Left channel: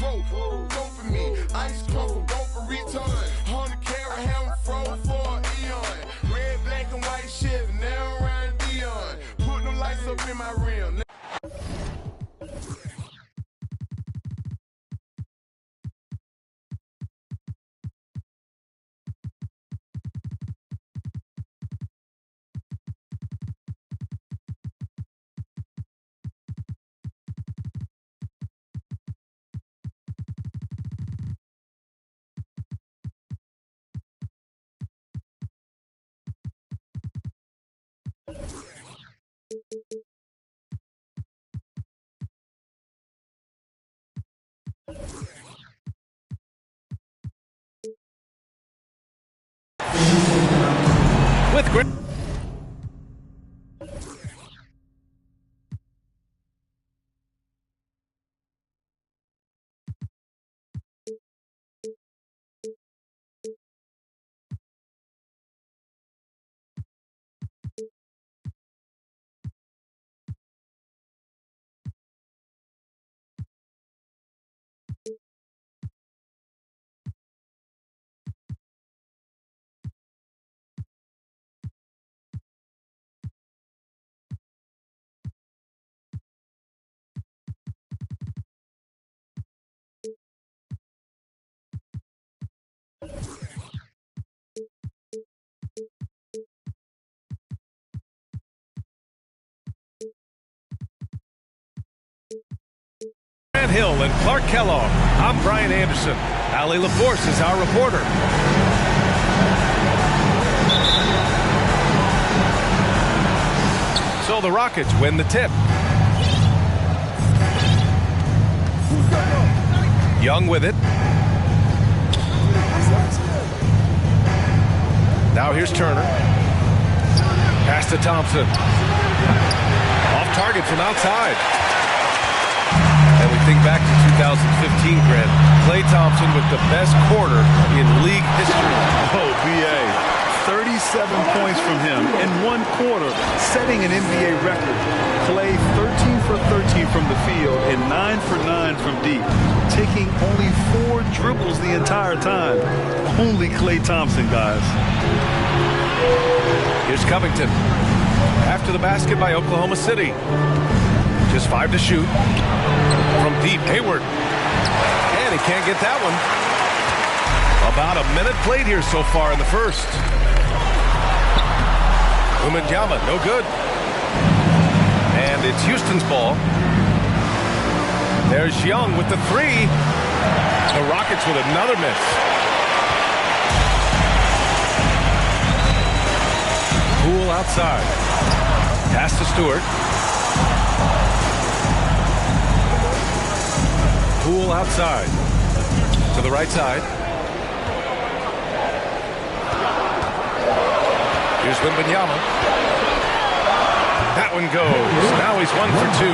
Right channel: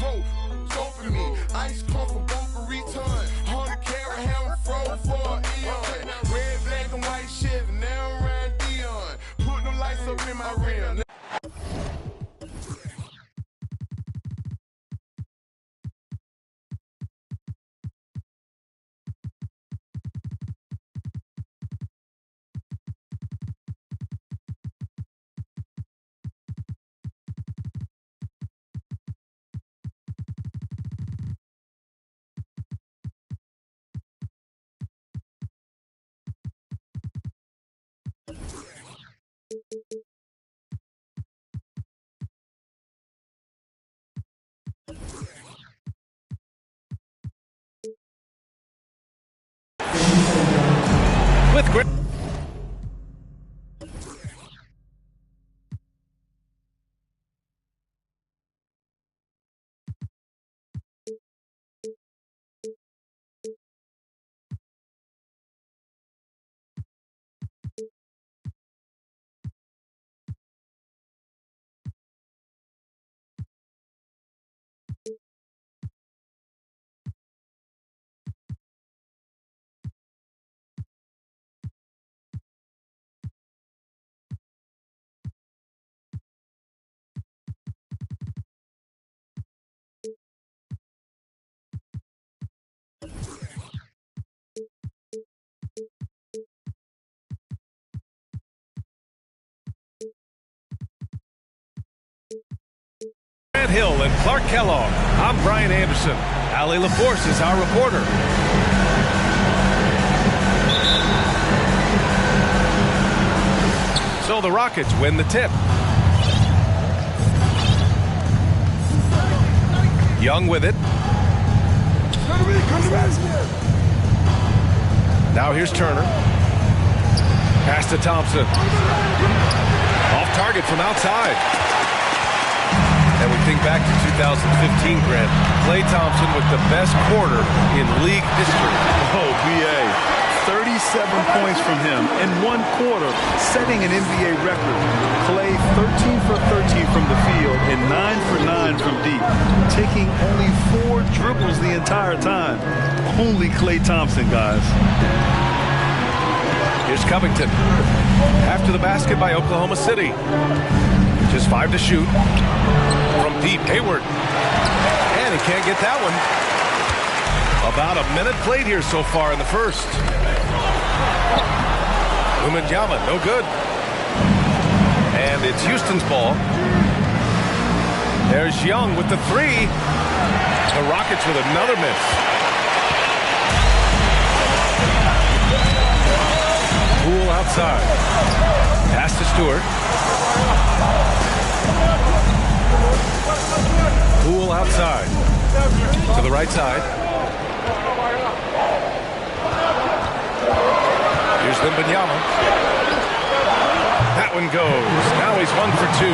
throat. Go for me. Ice come for both a return. 100 carat ham froze for an eon. Red, black, and white Chevy, now around Dion. Put them lights up in my rim. With grit. Grant Hill and Clark Kellogg. I'm Brian Anderson. Allie LaForce is our reporter. So the Rockets win the tip. Young with it. Now here's Turner. Pass to Thompson. Off target from outside. And we think back to 2015, Grant. Klay Thompson with the best quarter in league history. Oh, B.A. 37 points from him in one quarter, setting an NBA record. Klay 13 for 13 from the field and 9 for 9 from deep, taking only 4 dribbles the entire time. Only Klay Thompson, guys. Here's Covington. After the basket by Oklahoma City. Just 5 to shoot. From deep, Hayward. And he can't get that one. About a minute played here so far in the first. Wembanyama, no good. And it's Houston's ball. There's Young with the 3. The Rockets with another miss. Poole outside. Pass to Stewart. Poole outside. To the right side. Here's Wembanyama. That one goes. Now he's 1 for 2.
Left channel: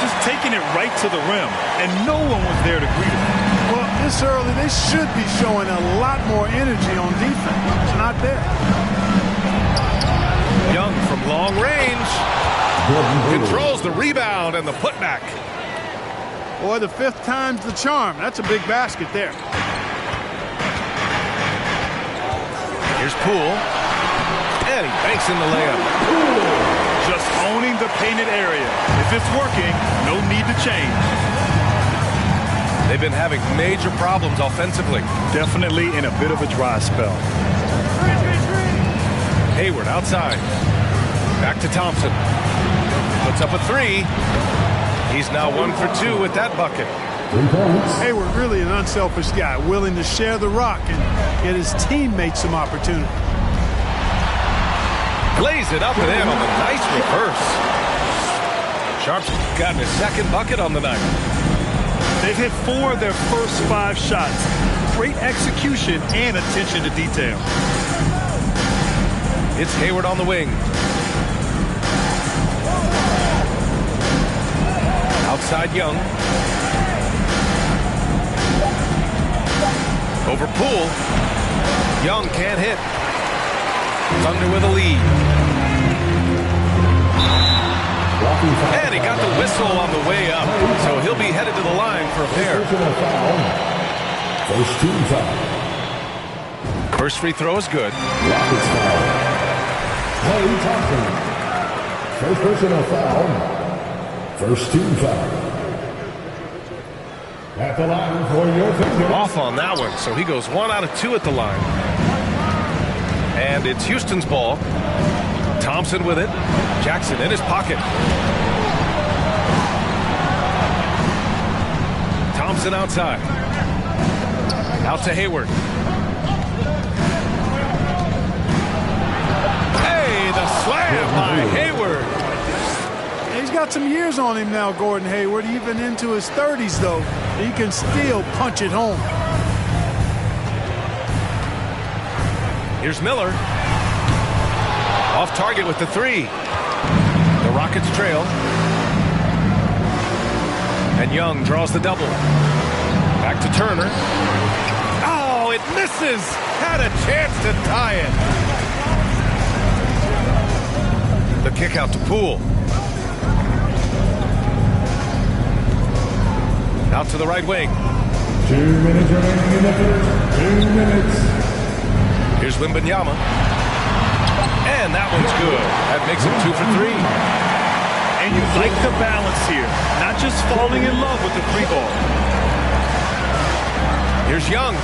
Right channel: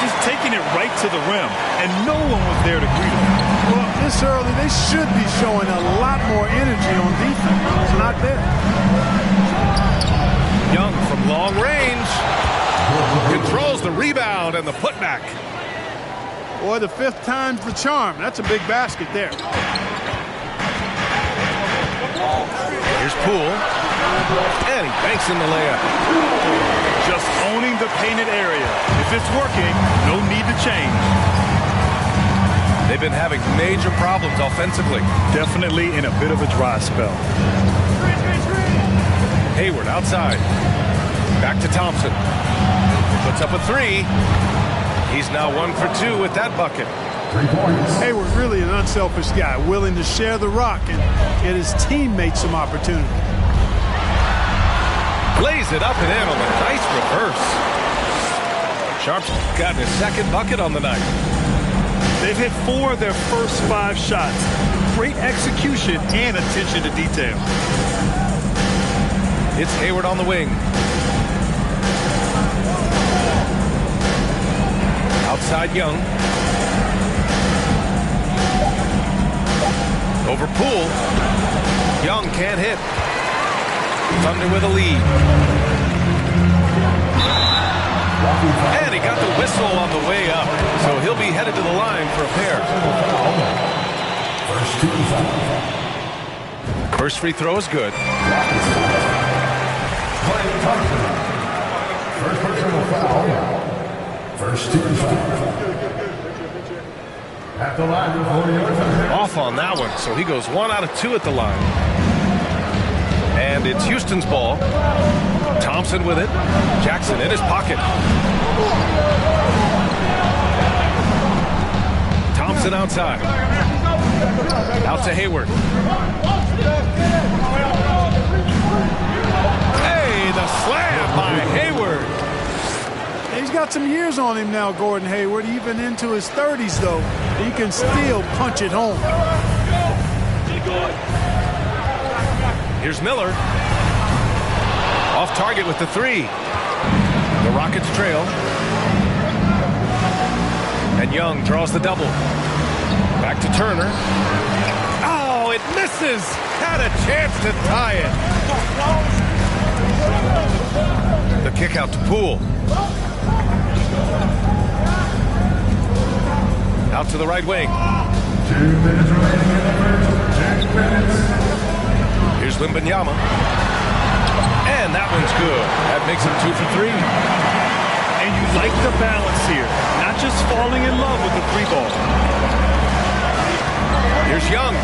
Just taking it right to the rim, and no one was there to greet him. Well, this early, they should be showing a lot more energy on defense. It's not there. Young from long range. Controls the rebound and the putback. Boy, the 5th time's the charm. That's a big basket there. Here's Poole. And he banks in the layup. Just owning the painted area. If it's working, no need to change. They've been having major problems offensively. Definitely in a bit of a dry spell. Hayward outside. Back to Thompson. Puts up a 3. He's now 1 for 2 with that bucket. 3 points. Hayward really an unselfish guy, willing to share the rock and get his teammates some opportunity. Lays it up and in on the nice reverse. Sharp's gotten his 2nd bucket on the night. They've hit 4 of their first 5 shots. Great execution and attention to detail. It's Hayward on the wing. Outside Young. Over Poole. Young can't hit. Thunder with a lead. And he got the whistle on the way up, so he'll be headed to the line for a pair. First team foul. First free throw is good. Klay Thompson. First personal foul. First team foul. At the line for your touchdown. Off on that one, so he goes 1 out of 2 at the line. And it's Houston's ball. Thompson with it. Jackson in his pocket. Thompson outside. Out to Hayward. Hey, the slam by Hayward. He's got some years on him now, Gordon Hayward. Even into his 30s, though, he can still punch it home. Here's Miller. Off target with the 3. The Rockets trail. And Young draws the double. Back to Turner. Oh, it misses. Had a chance to tie it. The kick out to Poole. Out to the right wing. 2 minutes remaining in the first. 2 minutes. Here's Wembanyama. And that one's good. That makes him 2 for 3. And you like the balance here. Not just falling in love with the free ball. Here's Young.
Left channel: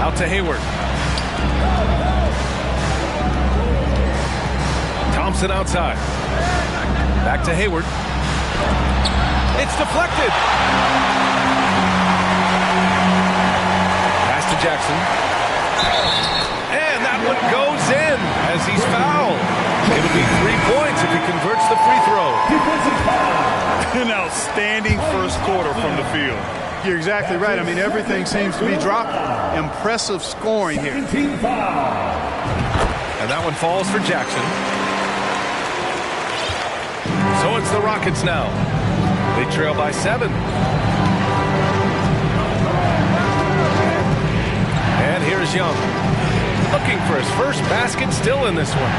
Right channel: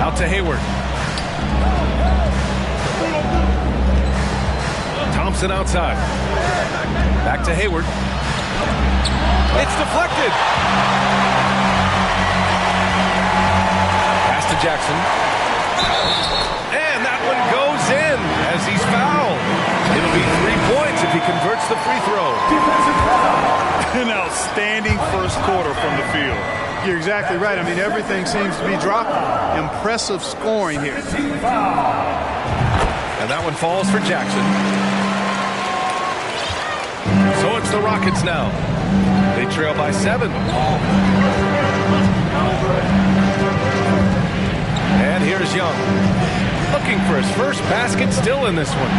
Out to Hayward. Thompson outside. Back to Hayward. It's deflected. Pass to Jackson. And that one goes in as he's fouled. It'll be 3 points if he converts the free throw. An outstanding first quarter from the field. You're exactly right. I mean, everything seems to be dropping. Impressive scoring here. And that one falls for Jackson. So it's the Rockets now. They trail by 7. And here's Young. Looking for his first basket, still in this one.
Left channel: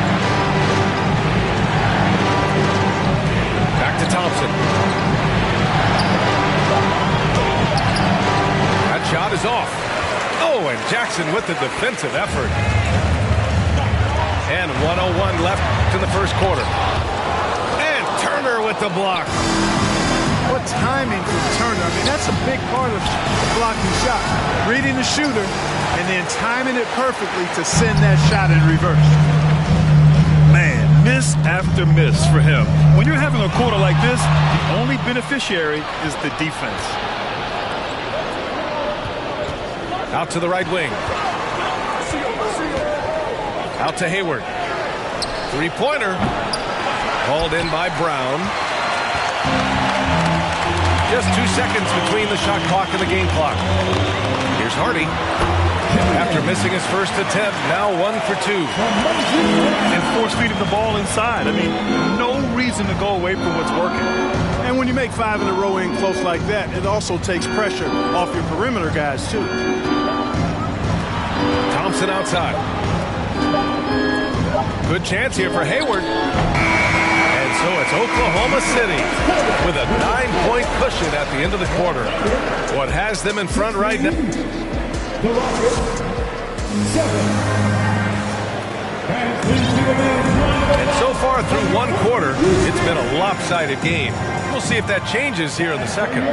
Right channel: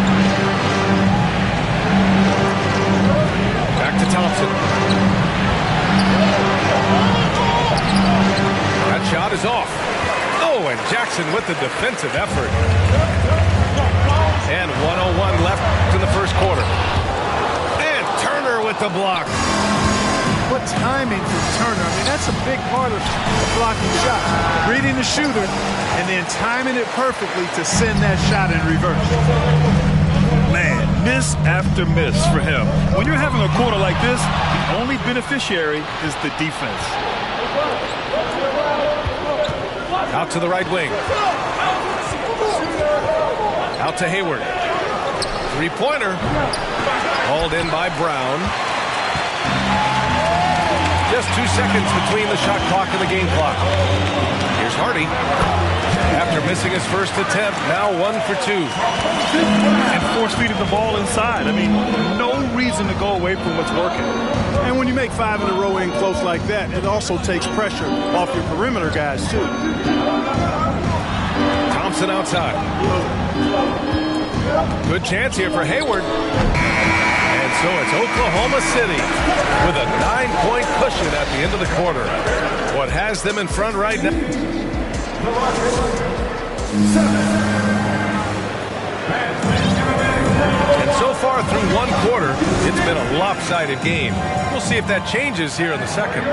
Back to Thompson. That shot is off. Oh, and Jackson with the defensive effort. And 1:01 left in the first quarter. And Turner with the block. What timing from Turner. I mean, that's a big part of blocking shots. Reading the shooter and then timing it perfectly to send that shot in reverse. Man, miss after miss for him. When you're having a quarter like this, the only beneficiary is the defense. Out to the right wing. Out to Hayward. Three-pointer. Called in by Brown. Just 2 seconds between the shot clock and the game clock. Here's Hardy. After missing his first attempt, now 1 for 2. And force-feeding the ball inside. I mean, no reason to go away from what's working. And when you make 5 in a row in close like that, it also takes pressure off your perimeter guys, too. Thompson outside. Good chance here for Hayward. And so it's Oklahoma City with a 9-point cushion at the end of the quarter. What has them in front right now? And so far through one quarter, it's been a lopsided game. We'll see if that changes here in the second.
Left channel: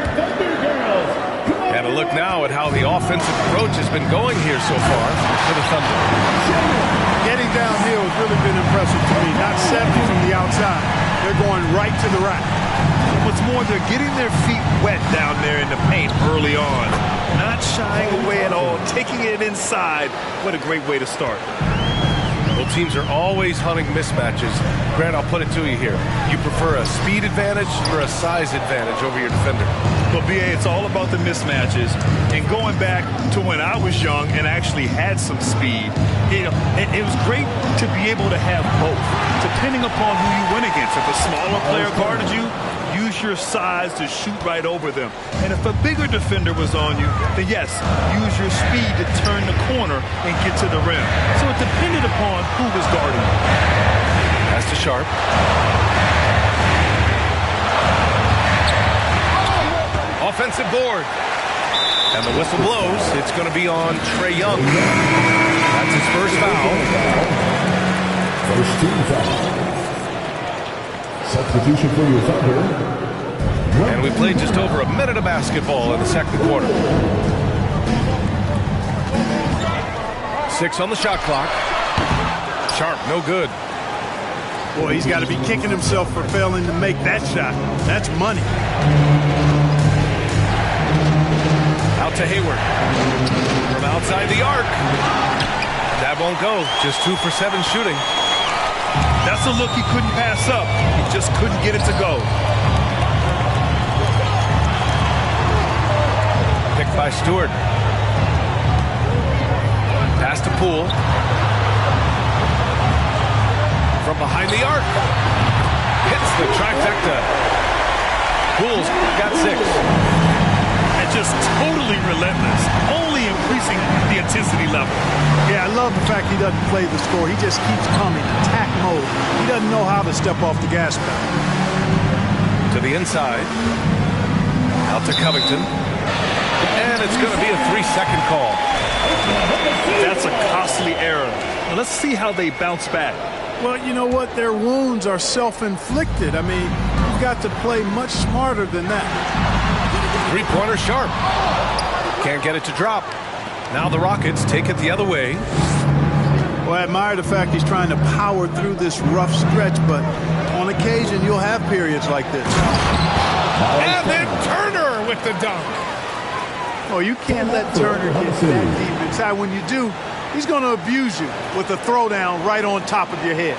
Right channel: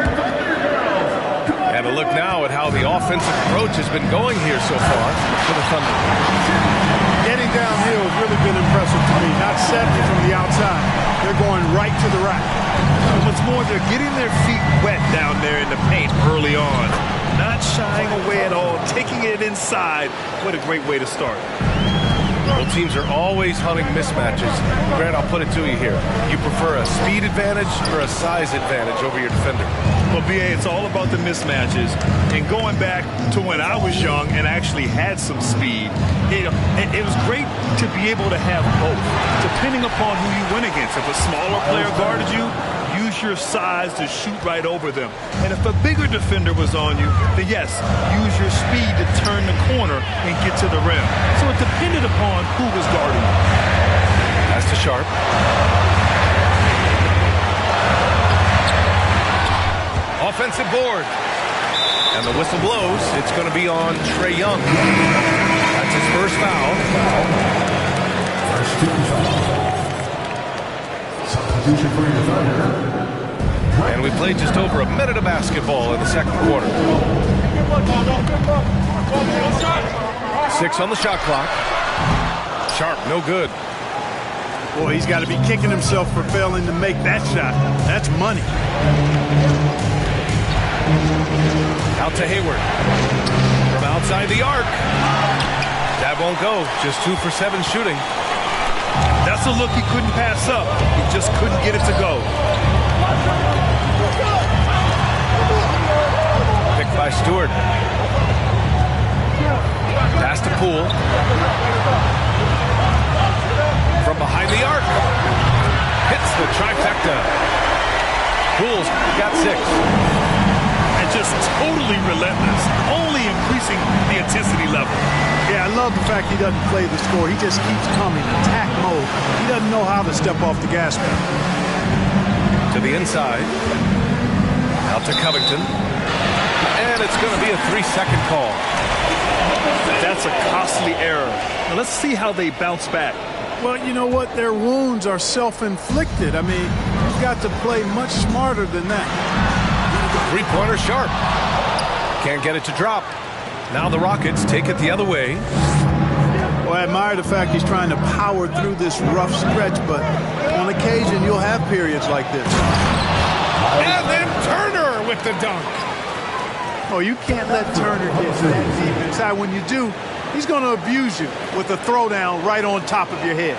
And a look now at how the offensive approach has been going here so far for the Thunder. Getting downhill has really been impressive to me. Not settling from the outside. They're going right to the rack. And what's more, they're getting their feet wet down there in the paint early on. Not shying away at all, taking it inside. What a great way to start. Both teams are always hunting mismatches. Grant, I'll put it to you here. You prefer a speed advantage or a size advantage over your defender? Well, B.A., it's all about the mismatches. And going back to when I was young and actually had some speed, it was great to be able to have both, depending upon who you went against. If a smaller player guarded you, use your size to shoot right over them. And if a bigger defender was on you, then yes, use your speed to turn the corner and get to the rim. So it depended upon who was guarding you. Pass to Sharp. Offensive board. And the whistle blows. It's going to be on Trae Young. That's his first foul. First team foul. Substitution for your Thunder. And we played just over a minute of basketball in the second quarter. 6 on the shot clock. Sharp, no good. Boy, he's got to be kicking himself for failing to make that shot. That's money. Out to Hayward. From outside the arc. That won't go. Just 2 for 7 shooting. That's a look he couldn't pass up. He just couldn't get it to go. Picked by Stewart. Pass to Poole. From behind the arc. Hits the trifecta. Poole's got 6. And just totally relentless. Only increasing the intensity level. Yeah, I love the fact he doesn't play the score. He just keeps coming, attack mode. He doesn't know how to step off the gas pedal. To the inside. Out to Covington. And it's going to be a 3-second call. That's a costly error. Now let's see how they bounce back. Well, you know what? Their wounds are self-inflicted. I mean, you've got to play much smarter than that. Three-pointer Sharp. Can't get it to drop. Now the Rockets take it the other way. Well, I admire the fact he's trying to power through this rough stretch, but on occasion you'll have periods like this. And then Turner with the dunk. Oh, you can't let Turner get that deep inside. When you do, he's going to abuse you with a throwdown right on top of your head.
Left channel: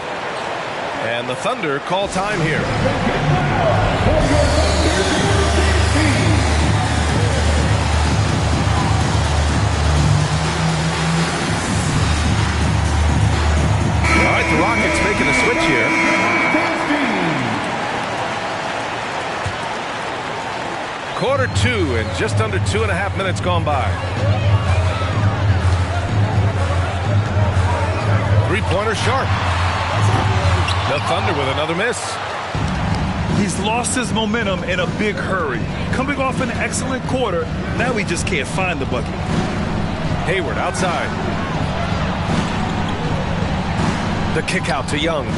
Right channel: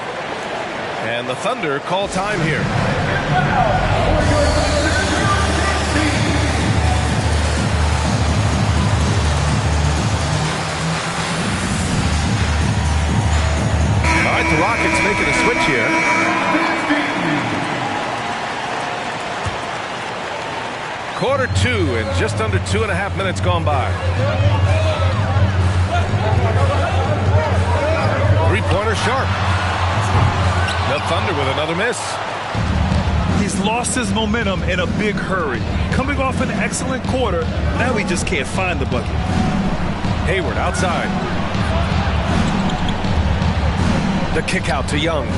And the Thunder call time here. All right, the Rockets making a switch here. Quarter 2 and just under 2.5 minutes gone by. Three-pointer Sharp. The Thunder with another miss. He's lost his momentum in a big hurry. Coming off an excellent quarter, now he just can't find the bucket. Hayward outside. The kick out to Young.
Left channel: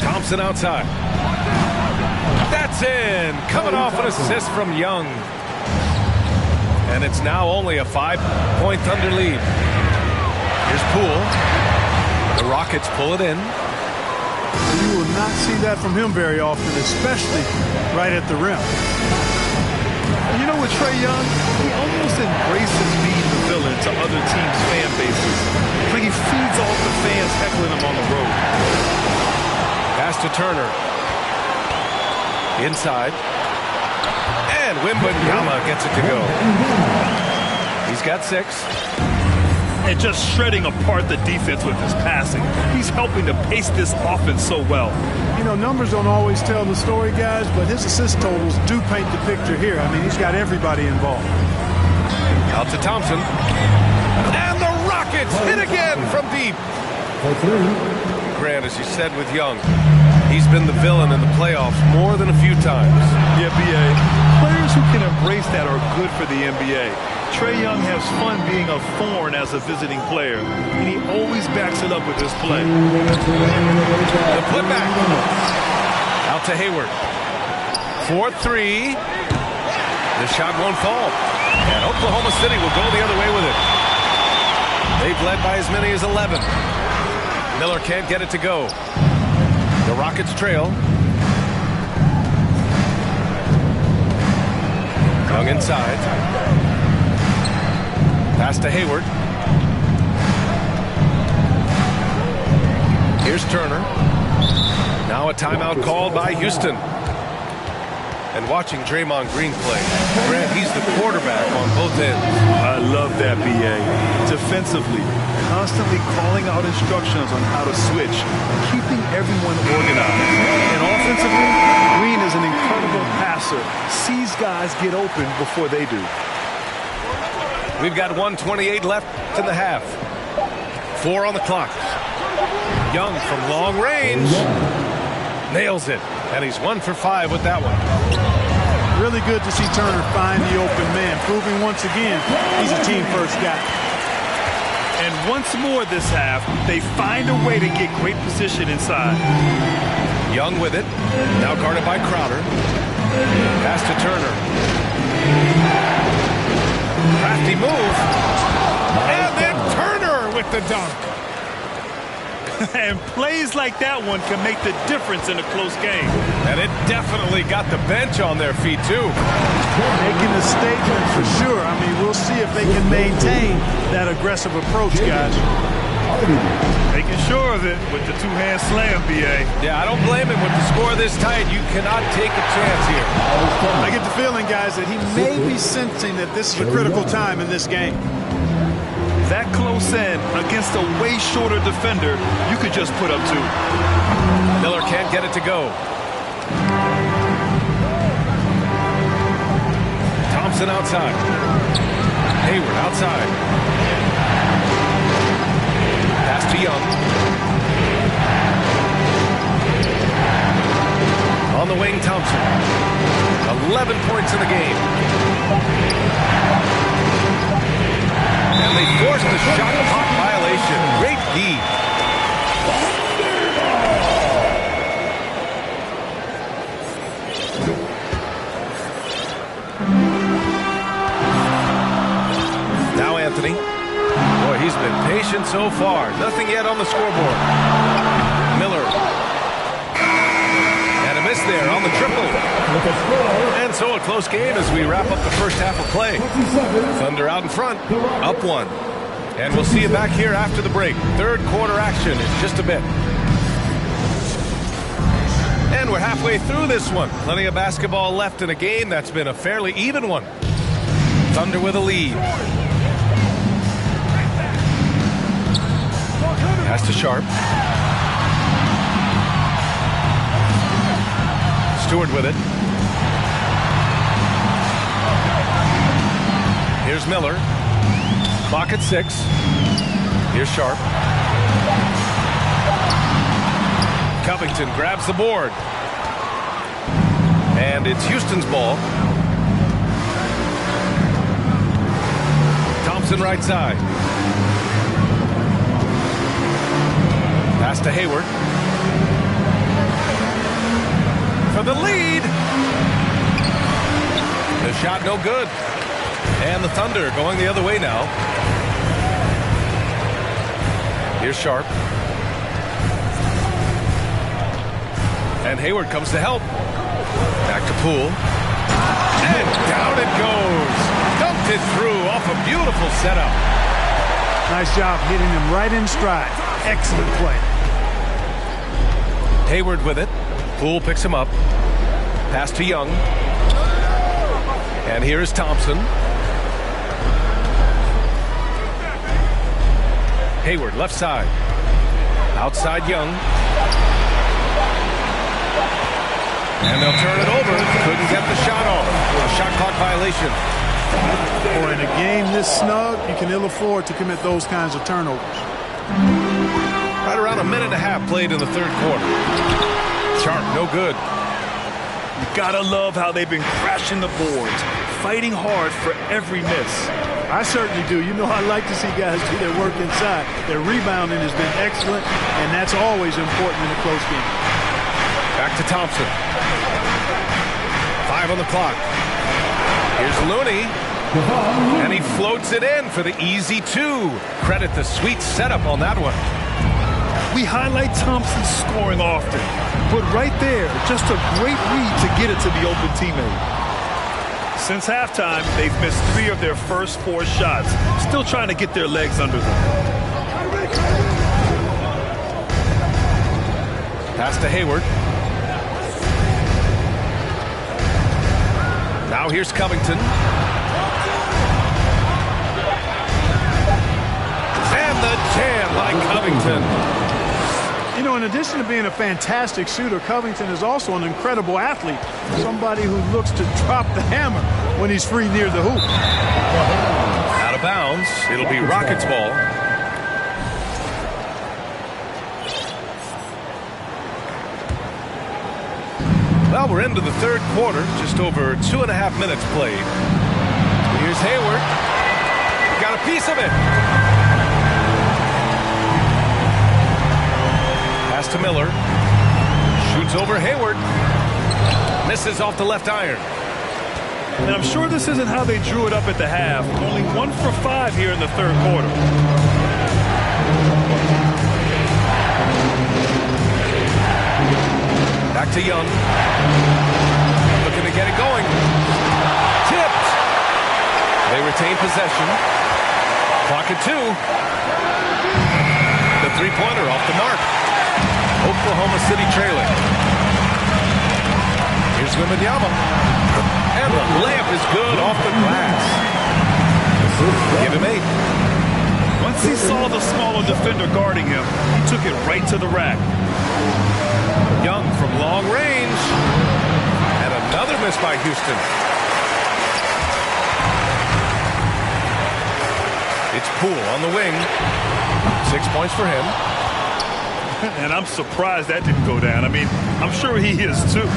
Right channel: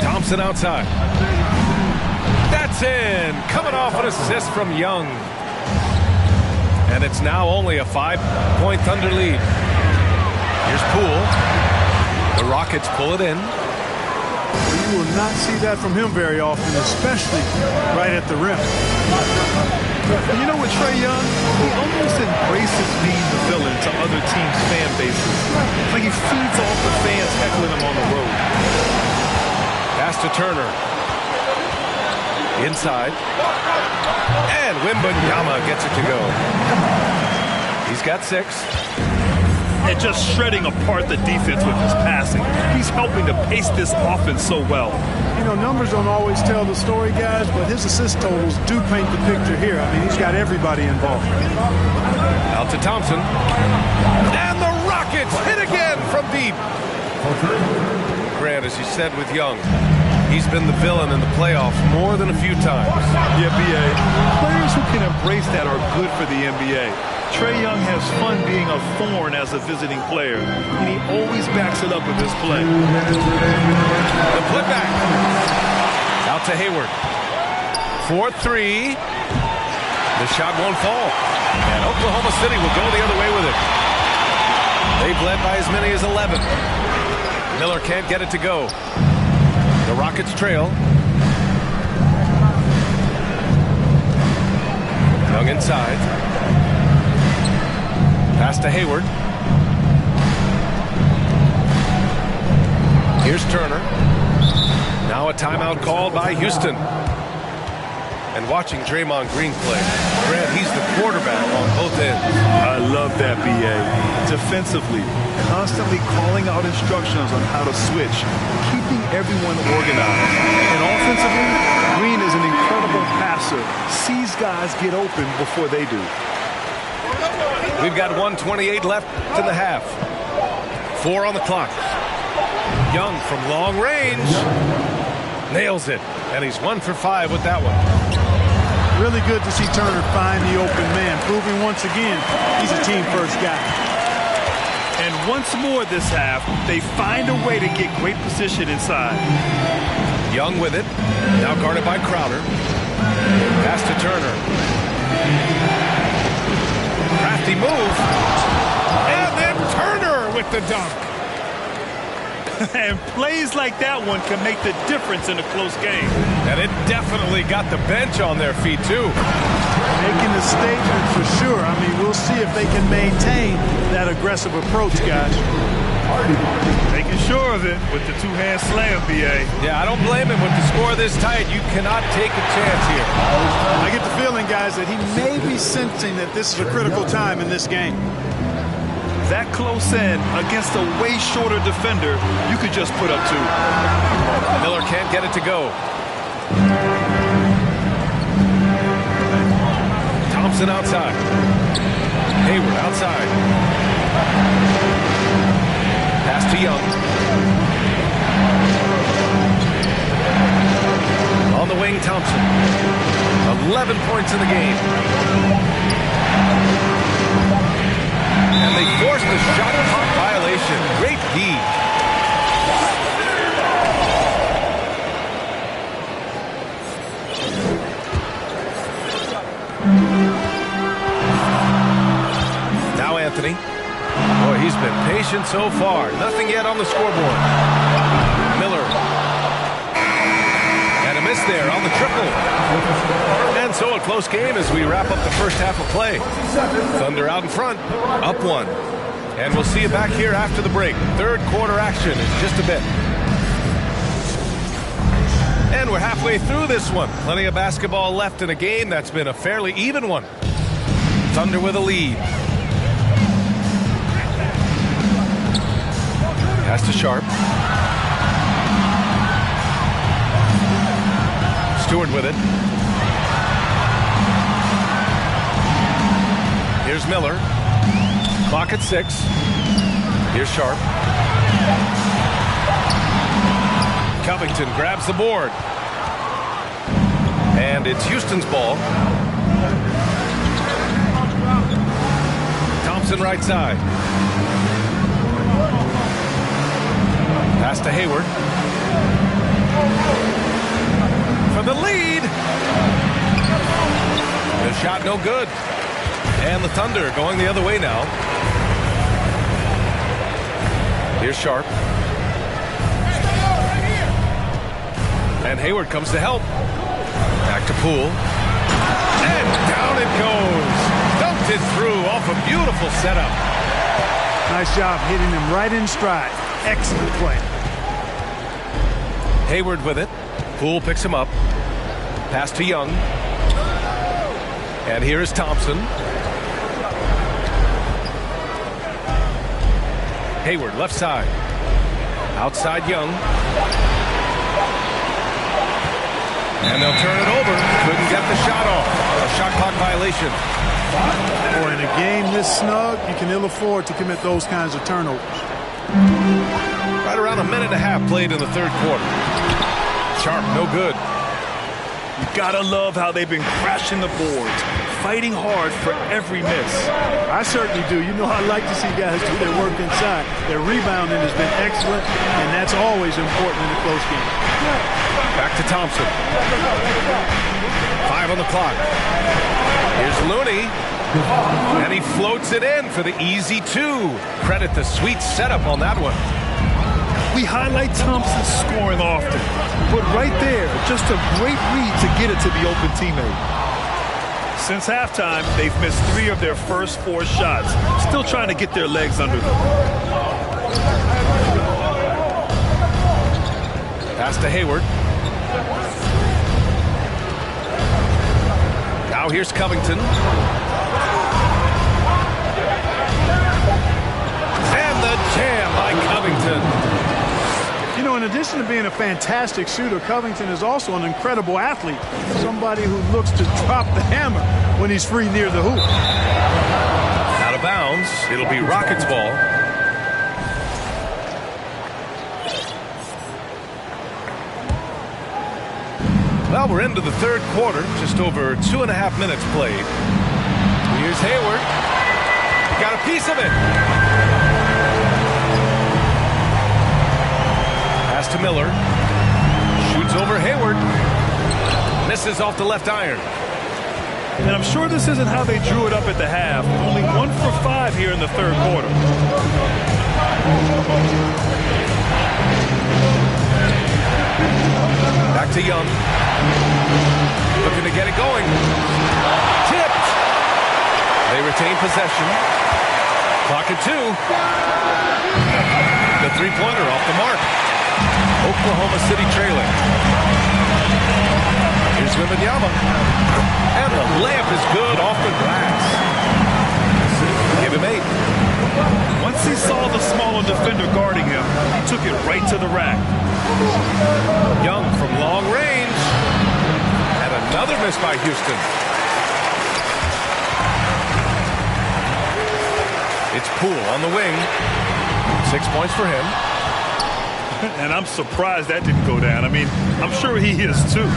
Thompson outside. That's in. Coming off an assist from Young. And it's now only a 5-point Thunder lead. Here's Poole. The Rockets pull it in. You will not see that from him very often, especially right at the rim. You know, with Trae Young, he almost embraces being the villain to other teams' fan bases. Like he feeds off the fans heckling him on the road. Pass to Turner. Inside. And Wembanyama gets it to go. He's got 6. And just shredding apart the defense with his passing. He's helping to pace this offense so well. You know, numbers don't always tell the story, guys, but his assist totals do paint the picture here. I mean, he's got everybody involved. Out to Thompson. And the Rockets hit again from deep. Grant, as you said with Young, he's been the villain in the playoffs more than a few times. Yeah, B.A. Players who can embrace that are good for the NBA. Trae Young has fun being a thorn as a visiting player, and he always backs it up with his play. The putback. Out to Hayward. 4-3. The shot won't fall. And Oklahoma City will go the other way with it. They've led by as many as 11. Miller can't get it to go. The Rockets trail. Young inside. Pass to Hayward. Here's Turner. Now a timeout called by Houston. And watching Draymond Green play, Grant, he's the quarterback on both ends. I love that, B.A. Defensively, constantly calling out instructions on how to switch, keeping everyone organized. And offensively, Green is an incredible passer, sees guys get open before they do. We've got 1:28 left in the half. 4 on the clock. Young from long range nails it, and he's 1 for 5 with that one. Really good to see Turner find the open man, proving once again he's a team-first guy. And once more this half, they find a way to get great position inside. Young with it. Now guarded by Crowder. Pass to Turner. Crafty move. And then Turner with the dunk. And plays like that one can make the difference in a close game. And it definitely got the bench on their feet, too. Making a statement for sure. I mean, we'll see if they can maintain that aggressive approach, guys. Making sure of it with the two-hand slam, B.A. Yeah, I don't blame him. With the score this tight, you cannot take a chance here. I get the feeling, guys, that he may be sensing that this is a critical time in this game. That close in against a way shorter defender, you could just put up 2. Miller can't get it to go. Thompson outside. Hayward outside. Pass to Young. On the wing, Thompson. 11 points in the game. And they force the shot clock violation. Great D. Now Anthony. Boy, he's been patient so far. Nothing yet on the scoreboard. Miller. And a miss there on the triple. And so a close game as we wrap up the first half of play. Thunder out in front, up 1. And we'll see you back here after the break. Third quarter action in just a bit. And we're halfway through this one. Plenty of basketball left in a game that's been a fairly even one. Thunder with a lead. Pass to Sharp. Stewart with it. Here's Miller. Clock at 6. Here's Sharp. Covington grabs the board. And it's Houston's ball. Thompson right side. Pass to Hayward. For the lead. The shot no good. And the Thunder going the other way now. Here's Sharp. And Hayward comes to help. Back to Poole. And down it goes. Dunked it through off a beautiful setup. Nice job hitting him right in stride. Excellent play. Hayward with it. Poole picks him up. Pass to Young. And here's Thompson. Hayward left side. Outside Young. And they'll turn it over. Couldn't get the shot off. A shot clock violation. Boy, in a game this snug, you can ill afford to commit those kinds of turnovers. Right around a minute and a half played in the third quarter. Sharp, no good. You gotta love how they've been crashing the boards, fighting hard for every miss. I certainly do. You know, I like to see guys do their work inside. Their rebounding has been excellent, and that's always important in a close game. Back to Thompson. 5 on the clock. Here's Looney. And he floats it in for the easy 2. Credit the sweet setup on that one. We highlight Thompson's scoring often, but right there, just a great read to get it to the open teammate. Since halftime, they've missed 3 of their first 4 shots, still trying to get their legs under them. Pass to Hayward. Now here's Covington. And the jam by Covington. You know, in addition to being a fantastic shooter, Covington is also an incredible athlete. Somebody who looks to drop the hammer when he's free near the hoop. Out of bounds. It'll be Rockets ball. Well, we're into the third quarter, just over 2.5 minutes played. Here's Hayward. He got a piece of it. Pass to Miller. Shoots over Hayward. Misses off the left iron. And I'm sure this isn't how they drew it up at the half. Only 1 for 5 here in the third quarter. Back to Young. Looking to get it going. Tipped. They retain possession. Clock at 2. The three-pointer off the mark. Oklahoma City trailing. Here's Wembanyama. And the layup is good off the glass. Give him 8. Once he saw the smaller defender guarding him, he took it right to the rack. Young from long range. And another miss by Houston. It's Poole on the wing. 6 points for him. And I'm surprised that didn't go down. I mean, I'm sure he is too.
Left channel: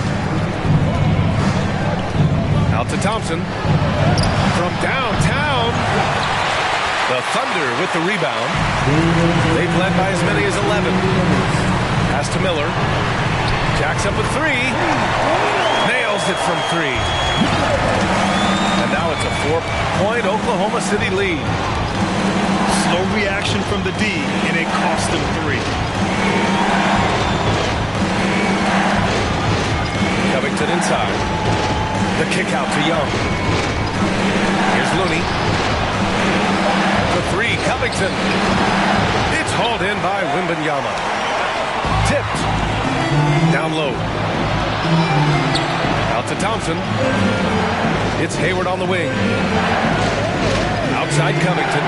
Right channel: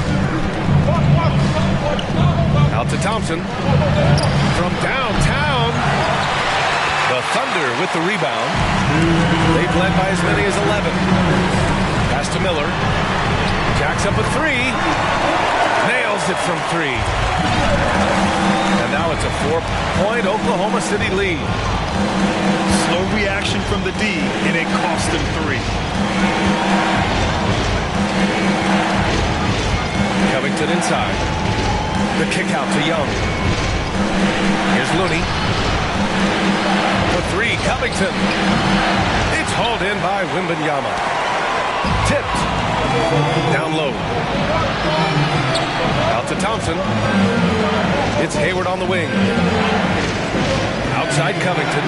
Out to Thompson. From downtown. The Thunder with the rebound. They've led by as many as 11. Pass to Miller. Jacks up a 3. Nails it from 3. And now it's a 4-point Oklahoma City lead. Slow reaction from the D, and it cost them 3. Covington inside. The kick out to Young. Here's Looney. The 3, Covington. It's hauled in by Wembanyama. Tipped. Down low. Out to Thompson. It's Hayward on the wing. Outside Covington.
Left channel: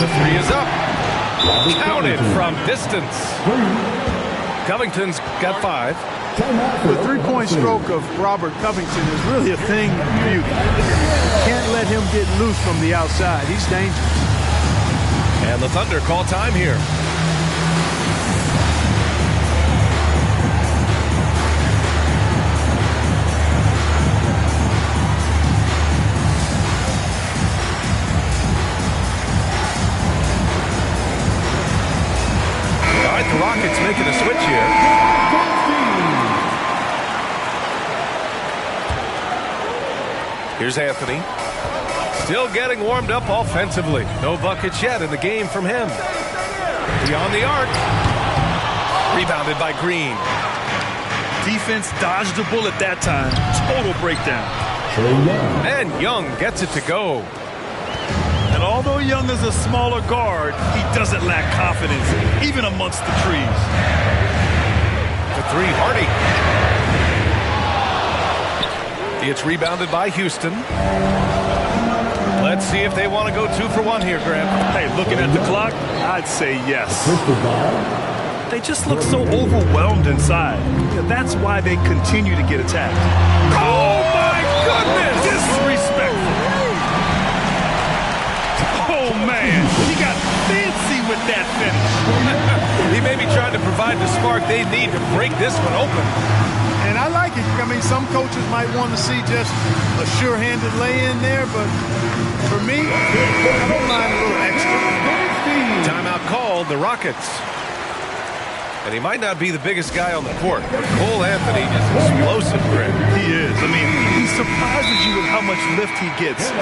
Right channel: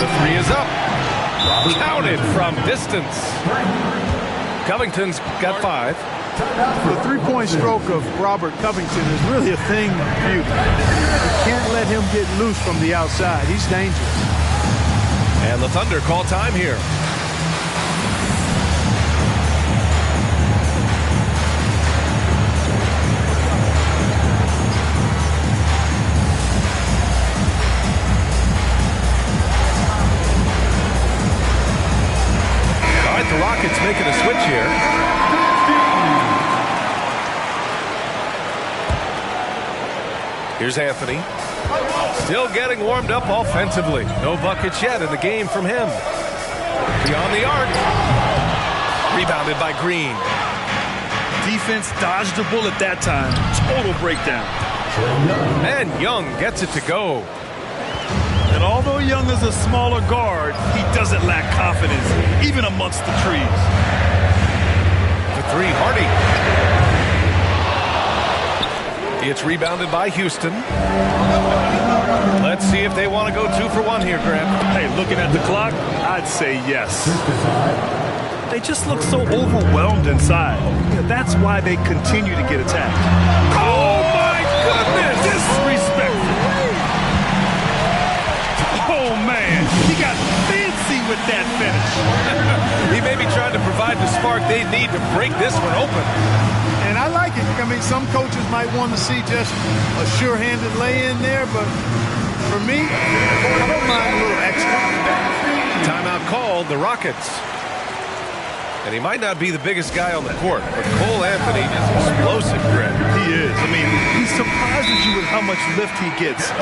The 3 is up. Counted from distance. Covington's got 5. The three-point stroke of Robert Covington is really a thing of beauty. You can't let him get loose from the outside. He's dangerous. And the Thunder call time here. All right, the Rockets making a switch here. Here's Anthony. Still getting warmed up offensively. No buckets yet in the game from him. Beyond the arc. Rebounded by Green. Defense dodged the bullet that time. Total breakdown. And Young gets it to go. And although Young is a smaller guard, he doesn't lack confidence, even amongst the trees. The 3, Hardy. It's rebounded by Houston. Let's see if they want to go 2 for 1 here, Graham. Hey, looking at the clock, I'd say yes. They just look so overwhelmed inside. You know, that's why they continue to get attacked. Oh, my goodness! Disrespectful. Oh, man. He got fancy with that finish. He may be trying to provide the spark they need to break this one open. And I like it. I mean, some coaches might want to see just a sure-handed lay-in there, but for me, I don't mind a little extra. Timeout called, the Rockets. And he might not be the biggest guy on the court, but Cole Anthony is explosive, Greg. He is. I mean, he surprises you with how much lift he gets.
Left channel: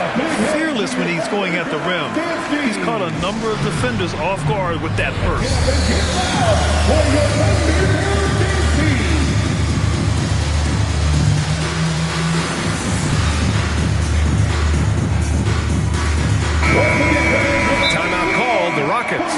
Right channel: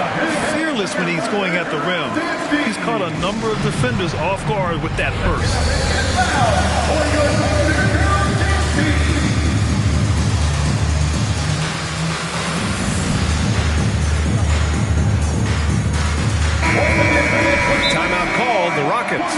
Fearless when he's going at the rim. He's caught a number of defenders off guard with that burst. Timeout called, the Rockets.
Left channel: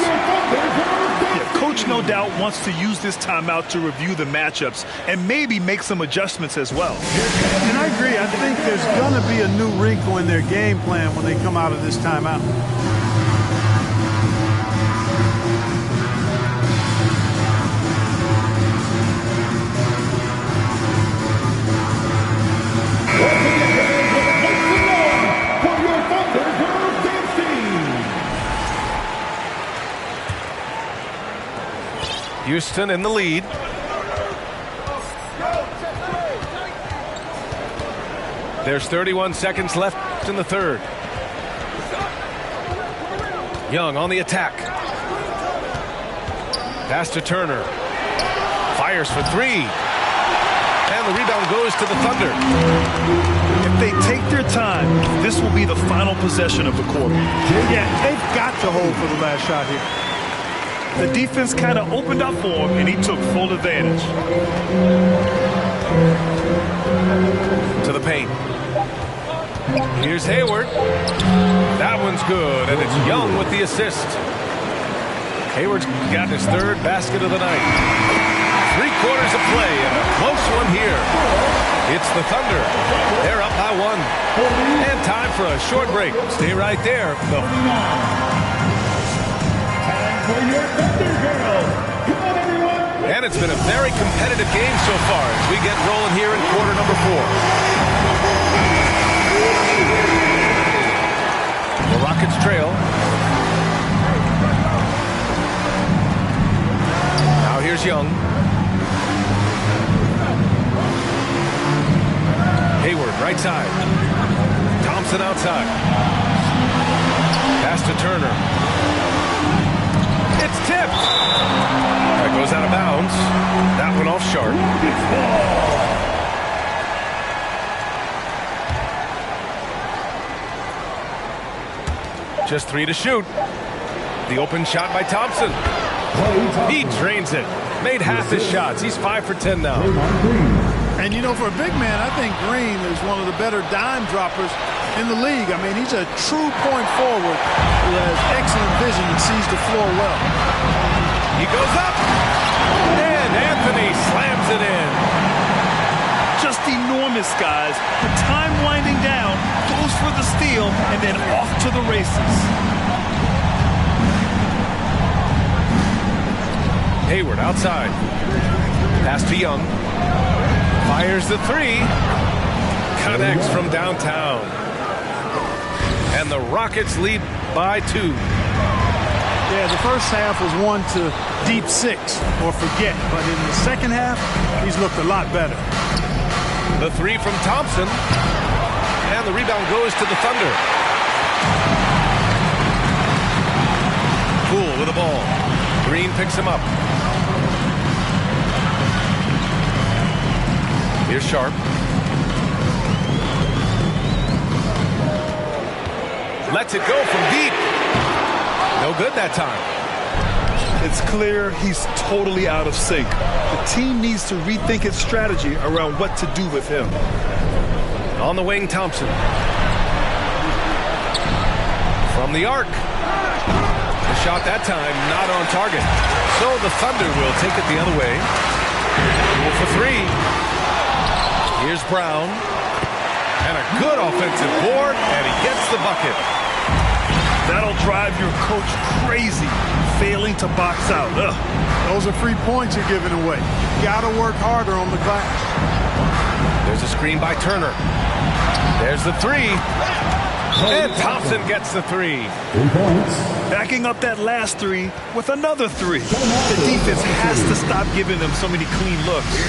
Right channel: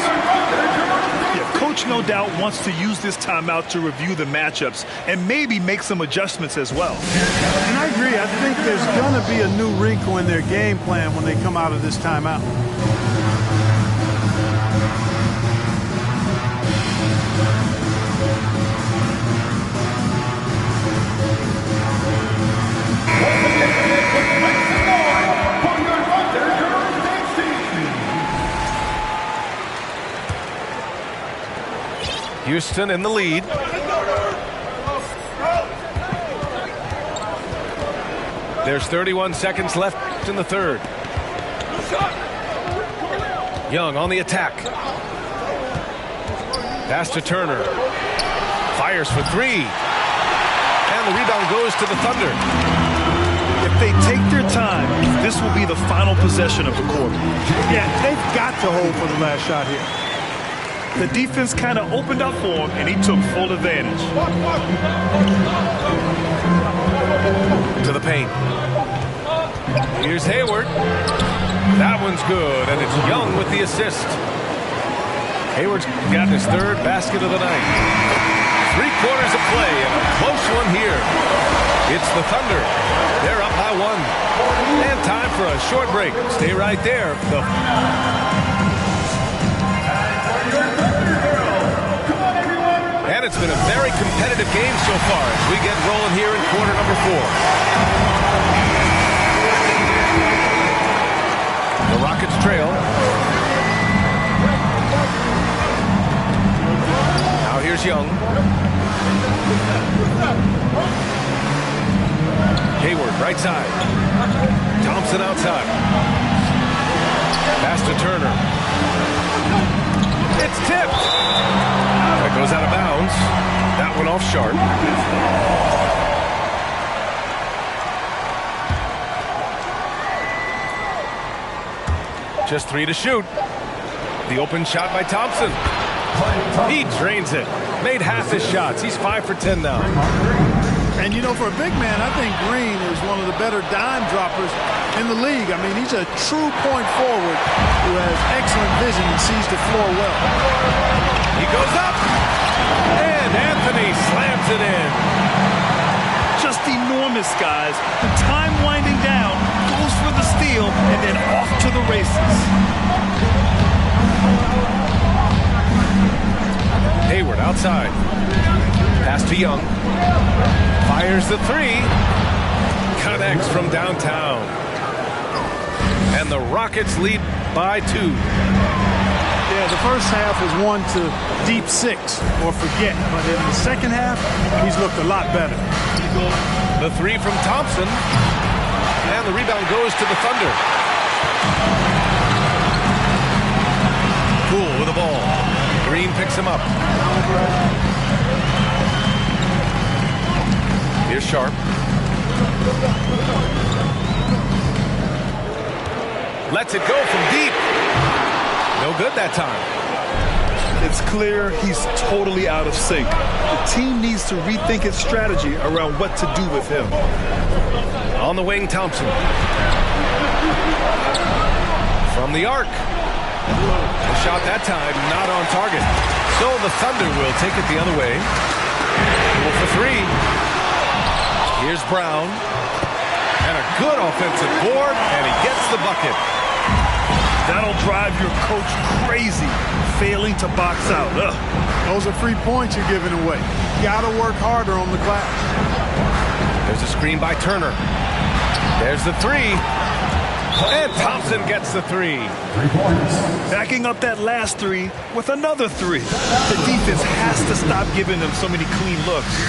Yeah, coach no doubt wants to use this timeout to review the matchups and maybe make some adjustments as well. And I agree. I think there's going to be a new wrinkle in their game plan when they come out of this timeout. Houston in the lead. There's 31 seconds left in the third. Young on the attack. Pass to Turner. Fires for three. And the rebound goes to the Thunder. If they take their time, this will be the final possession of the quarter. Yeah, they've got to hold for the last shot here. The defense kind of opened up for him, and he took full advantage. To the paint. Here's Hayward. That one's good, and it's Young with the assist. Hayward's got his third basket of the night. 3 quarters of play, and a close one here. It's the Thunder. They're up by 1. And time for a short break. Stay right there. And it's been a very competitive game so far as we get rolling here in quarter number 4. The Rockets trail. Now here's Young. Hayward, right side. Thompson outside. Pass to Turner. It's tipped. That goes out of bounds. That one off Sharp. Just 3 to shoot. The open shot by Thompson. He drains it. Made half his shots. He's 5 for 10 now. And, you know, for a big man, I think Green is one of the better dime droppers in the league. I mean, he's a true point forward who has excellent vision and sees the floor well. He goes up, and Anthony slams it in. Just enormous, guys. With time winding down, goes for the steal, and then off to the races. Hayward outside. Pass to Young. Fires the 3. Connects from downtown. And the Rockets lead by 2. Yeah, the first half was 1 to deep 6 or forget. But in the second half, he's looked a lot better. The 3 from Thompson. And the rebound goes to the Thunder. Poole with the ball. Green picks him up. Here's Sharp. Lets it go from deep. No good that time. It's clear he's totally out of sync. The team needs to rethink its strategy around what to do with him. On the wing, Thompson. From the arc. The shot that time not on target. So the Thunder will take it the other way. Poole for 3. Here's Brown. And a good offensive board, and he gets the bucket. That'll drive your coach crazy, failing to box out. Ugh. Those are free points you're giving away. You've got to work harder on the glass. There's a screen by Turner. There's the 3. And Thompson gets the 3. 3 points. Backing up that last 3 with another 3. The defense has to stop giving them so many clean looks.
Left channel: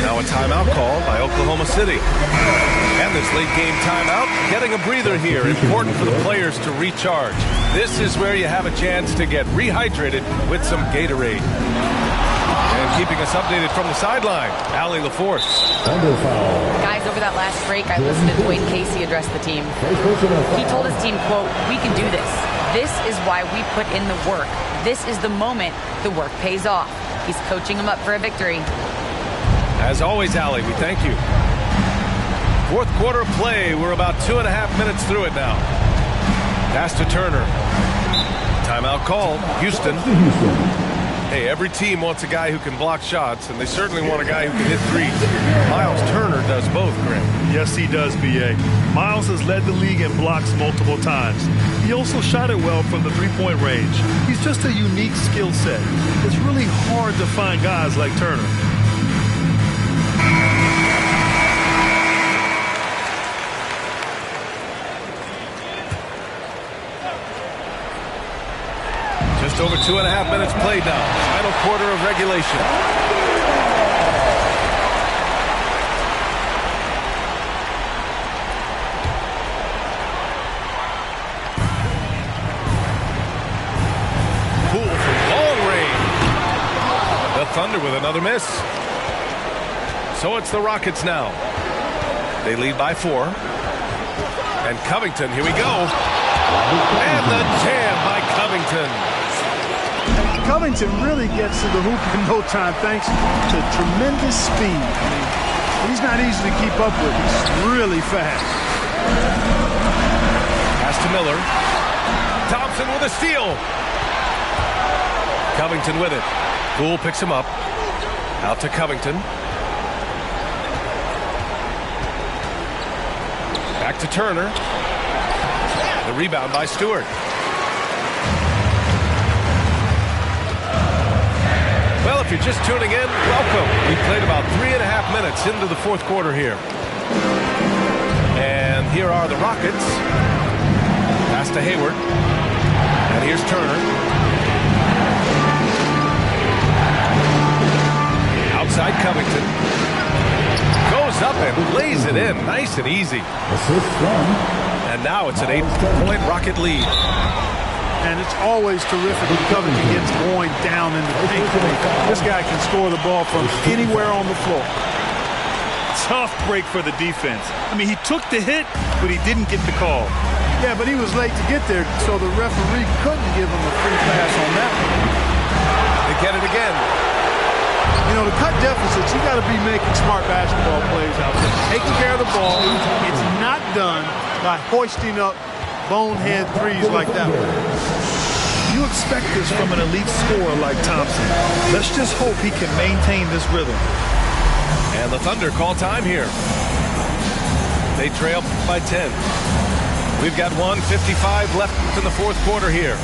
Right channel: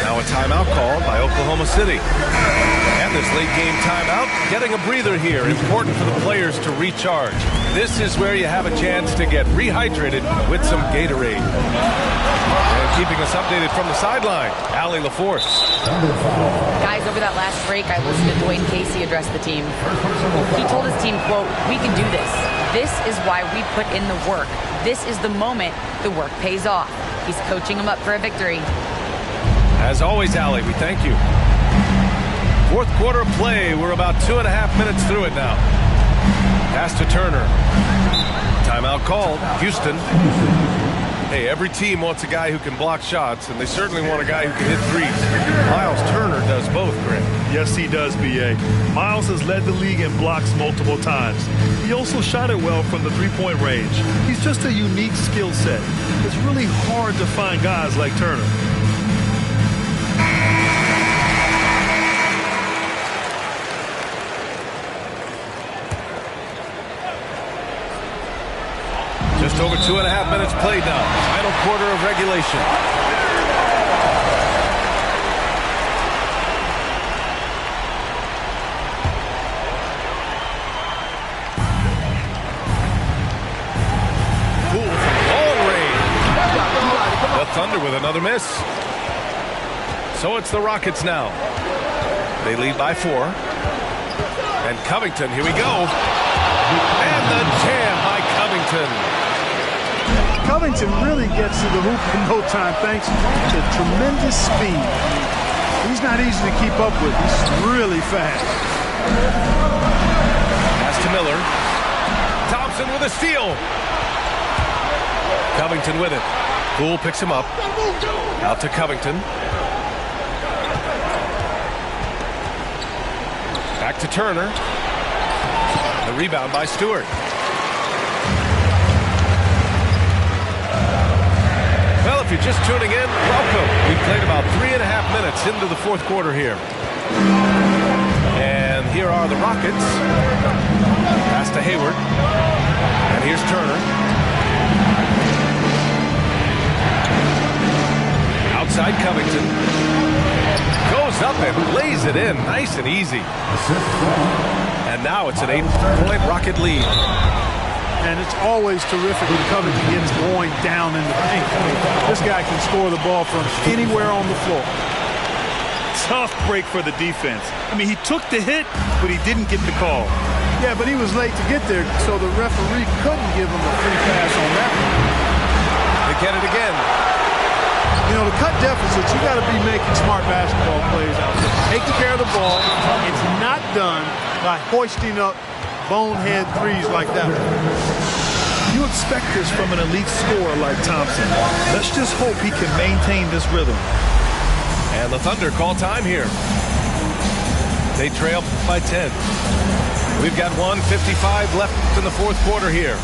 Now a timeout called by Oklahoma City. And this late game timeout, getting a breather here. Important for the players to recharge. This is where you have a chance to get rehydrated with some Gatorade. And keeping us updated from the sideline, Allie LaForce. Guys, over that last break, I listened to Dwayne Casey address the team. He told his team, quote, "We can do this. This is why we put in the work. This is the moment the work pays off." He's coaching them up for a victory. As always, Allie, we thank you. 4th quarter of play. We're about 2.5 minutes through it now. Pass to Turner. Timeout called. Houston. Hey, every team wants a guy who can block shots, and they certainly want a guy who can hit threes. Miles Turner does both, Greg. Yes, he does, B.A. Miles has led the league in blocks multiple times. He also shot it well from the three-point range. He's just a unique skill set. It's really hard to find guys like Turner. Just over 2.5 minutes played now. Final quarter of regulation. Thunder with another miss. So it's the Rockets now. They lead by 4. And Covington, here we go. And the jam by Covington. Covington really gets to the hoop in no time thanks to tremendous speed. I mean, he's not easy to keep up with. He's really fast. Pass to Miller. Thompson with a steal. Covington with it. Poole picks him up. Out to Covington. Back to Turner. The rebound by Stewart. Well, if you're just tuning in, welcome. We played about 3.5 minutes into the fourth quarter here. And here are the Rockets. Pass to Hayward. And here's Turner. Outside Covington. Goes up and lays it in. Nice and easy. And now it's an 8-point Rocket lead. And it's always terrific when Covington gets going down in the paint. This guy can score the ball from anywhere on the floor. Tough break for the defense. I mean, he took the hit, but he didn't get the call. Yeah, but he was late to get there, so the referee couldn't give him a free pass on that one. They get it again. You know, to cut deficits, you got to be making smart basketball plays out there. Taking care of the ball. It's not done by hoisting up bonehead threes like that one. You expect this from an elite scorer like Thompson. Let's just hope he can maintain this rhythm. And the Thunder call time here. They trail by 10. We've got 1:55 left in the fourth quarter here.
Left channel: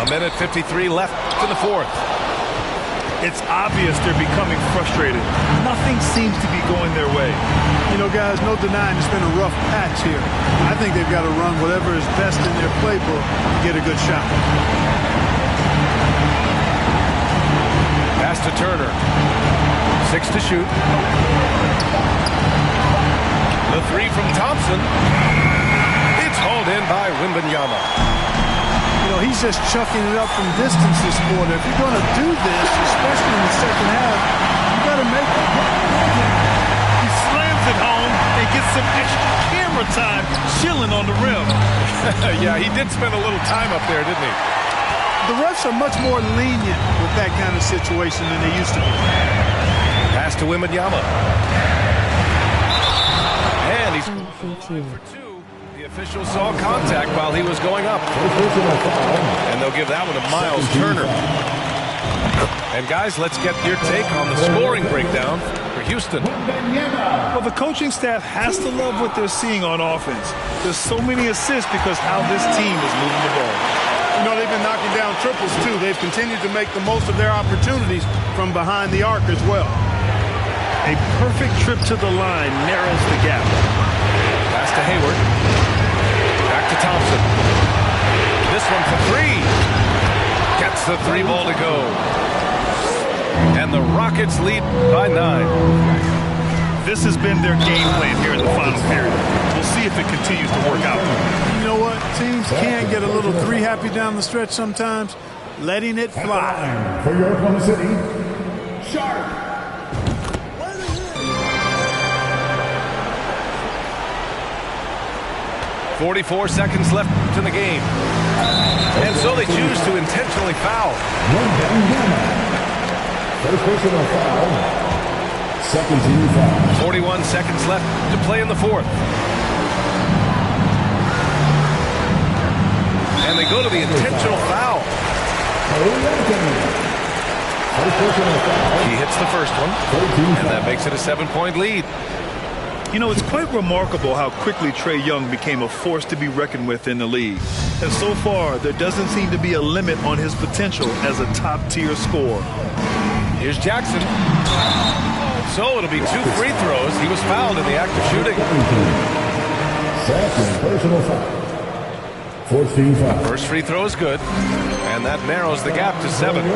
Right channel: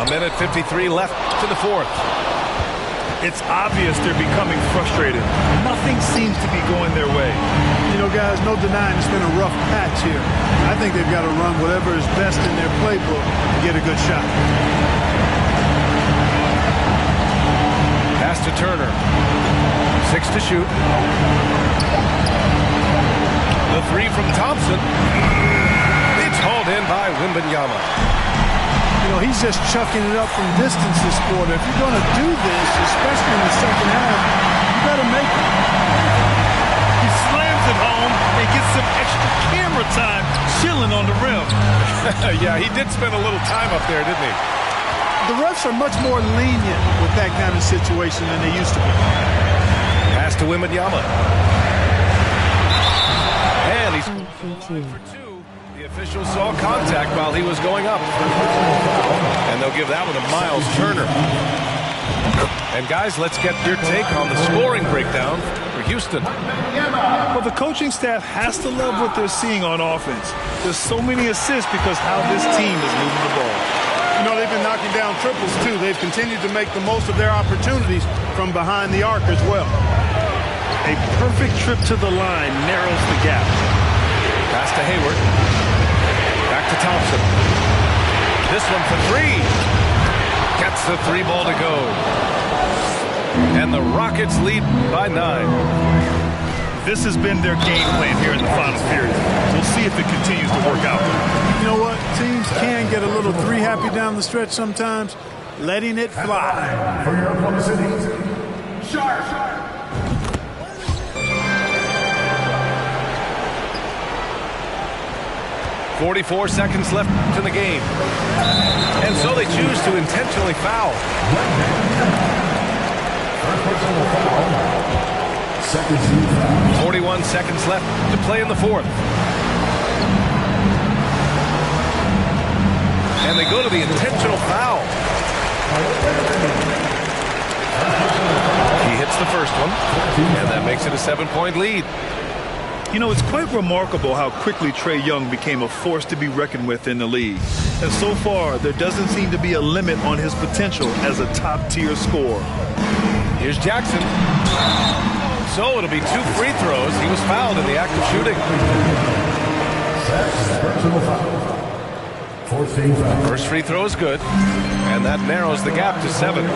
A minute 53 left in the fourth. It's obvious they're becoming frustrated. Nothing seems to be going their way. You know, guys, no denying it's been a rough patch here. I think they've got to run whatever is best in their playbook to get a good shot. Pass to Turner. 6 to shoot. The 3 from Thompson. It's hauled in by Wembanyama. You know, he's just chucking it up from distance this quarter. If you're going to do this, especially in the second half, you got to make it. He slams it home and gets some extra camera time chilling on the rim. Yeah, he did spend a little time up there, didn't he? The refs are much more lenient with that kind of situation than they used to be. Pass to Wembanyama. And he's for 2. The officials saw contact while he was going up. And they'll give that one to Miles Turner. And guys, let's get your take on the scoring breakdown for Houston. Well, the coaching staff has to love what they're seeing on offense. There's so many assists because how this team is moving the ball. You know, they've been knocking down triples, too. They've continued to make the most of their opportunities from behind the arc as well. A perfect trip to the line narrows the gap. Pass to Hayward. Back to Thompson. This one for 3. Gets the 3 ball to go. And the Rockets lead by 9. This has been their game plan here in the final period. We'll see if it continues to work out. You know what? Teams can get a little 3 happy down the stretch sometimes. Letting it fly. For your Oklahoma City, Sharp. 44 seconds left in the game. And so they choose to intentionally foul. First personal foul. Second team foul. 41 seconds left to play in the fourth. And they go to the intentional foul. He hits the first one, and that makes it a 7-point lead. You know, it's quite remarkable how quickly Trae Young became a force to be reckoned with in the league. And so far, there doesn't seem to be a limit on his potential as a top-tier scorer. Here's Jackson. So it'll be 2 free throws. He was fouled in the act of shooting. Second personal foul. 14 foul. First free throw is good, and that narrows the gap to 7.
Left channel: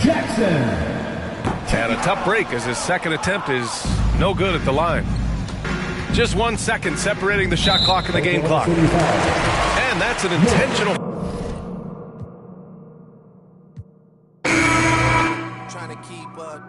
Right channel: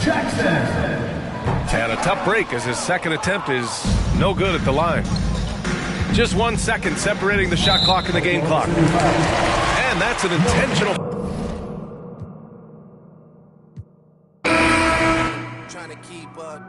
Jackson. And a tough break as his second attempt is no good at the line. Just 1 second separating the shot clock and the game clock. And that's an intentional. Trying to keep up.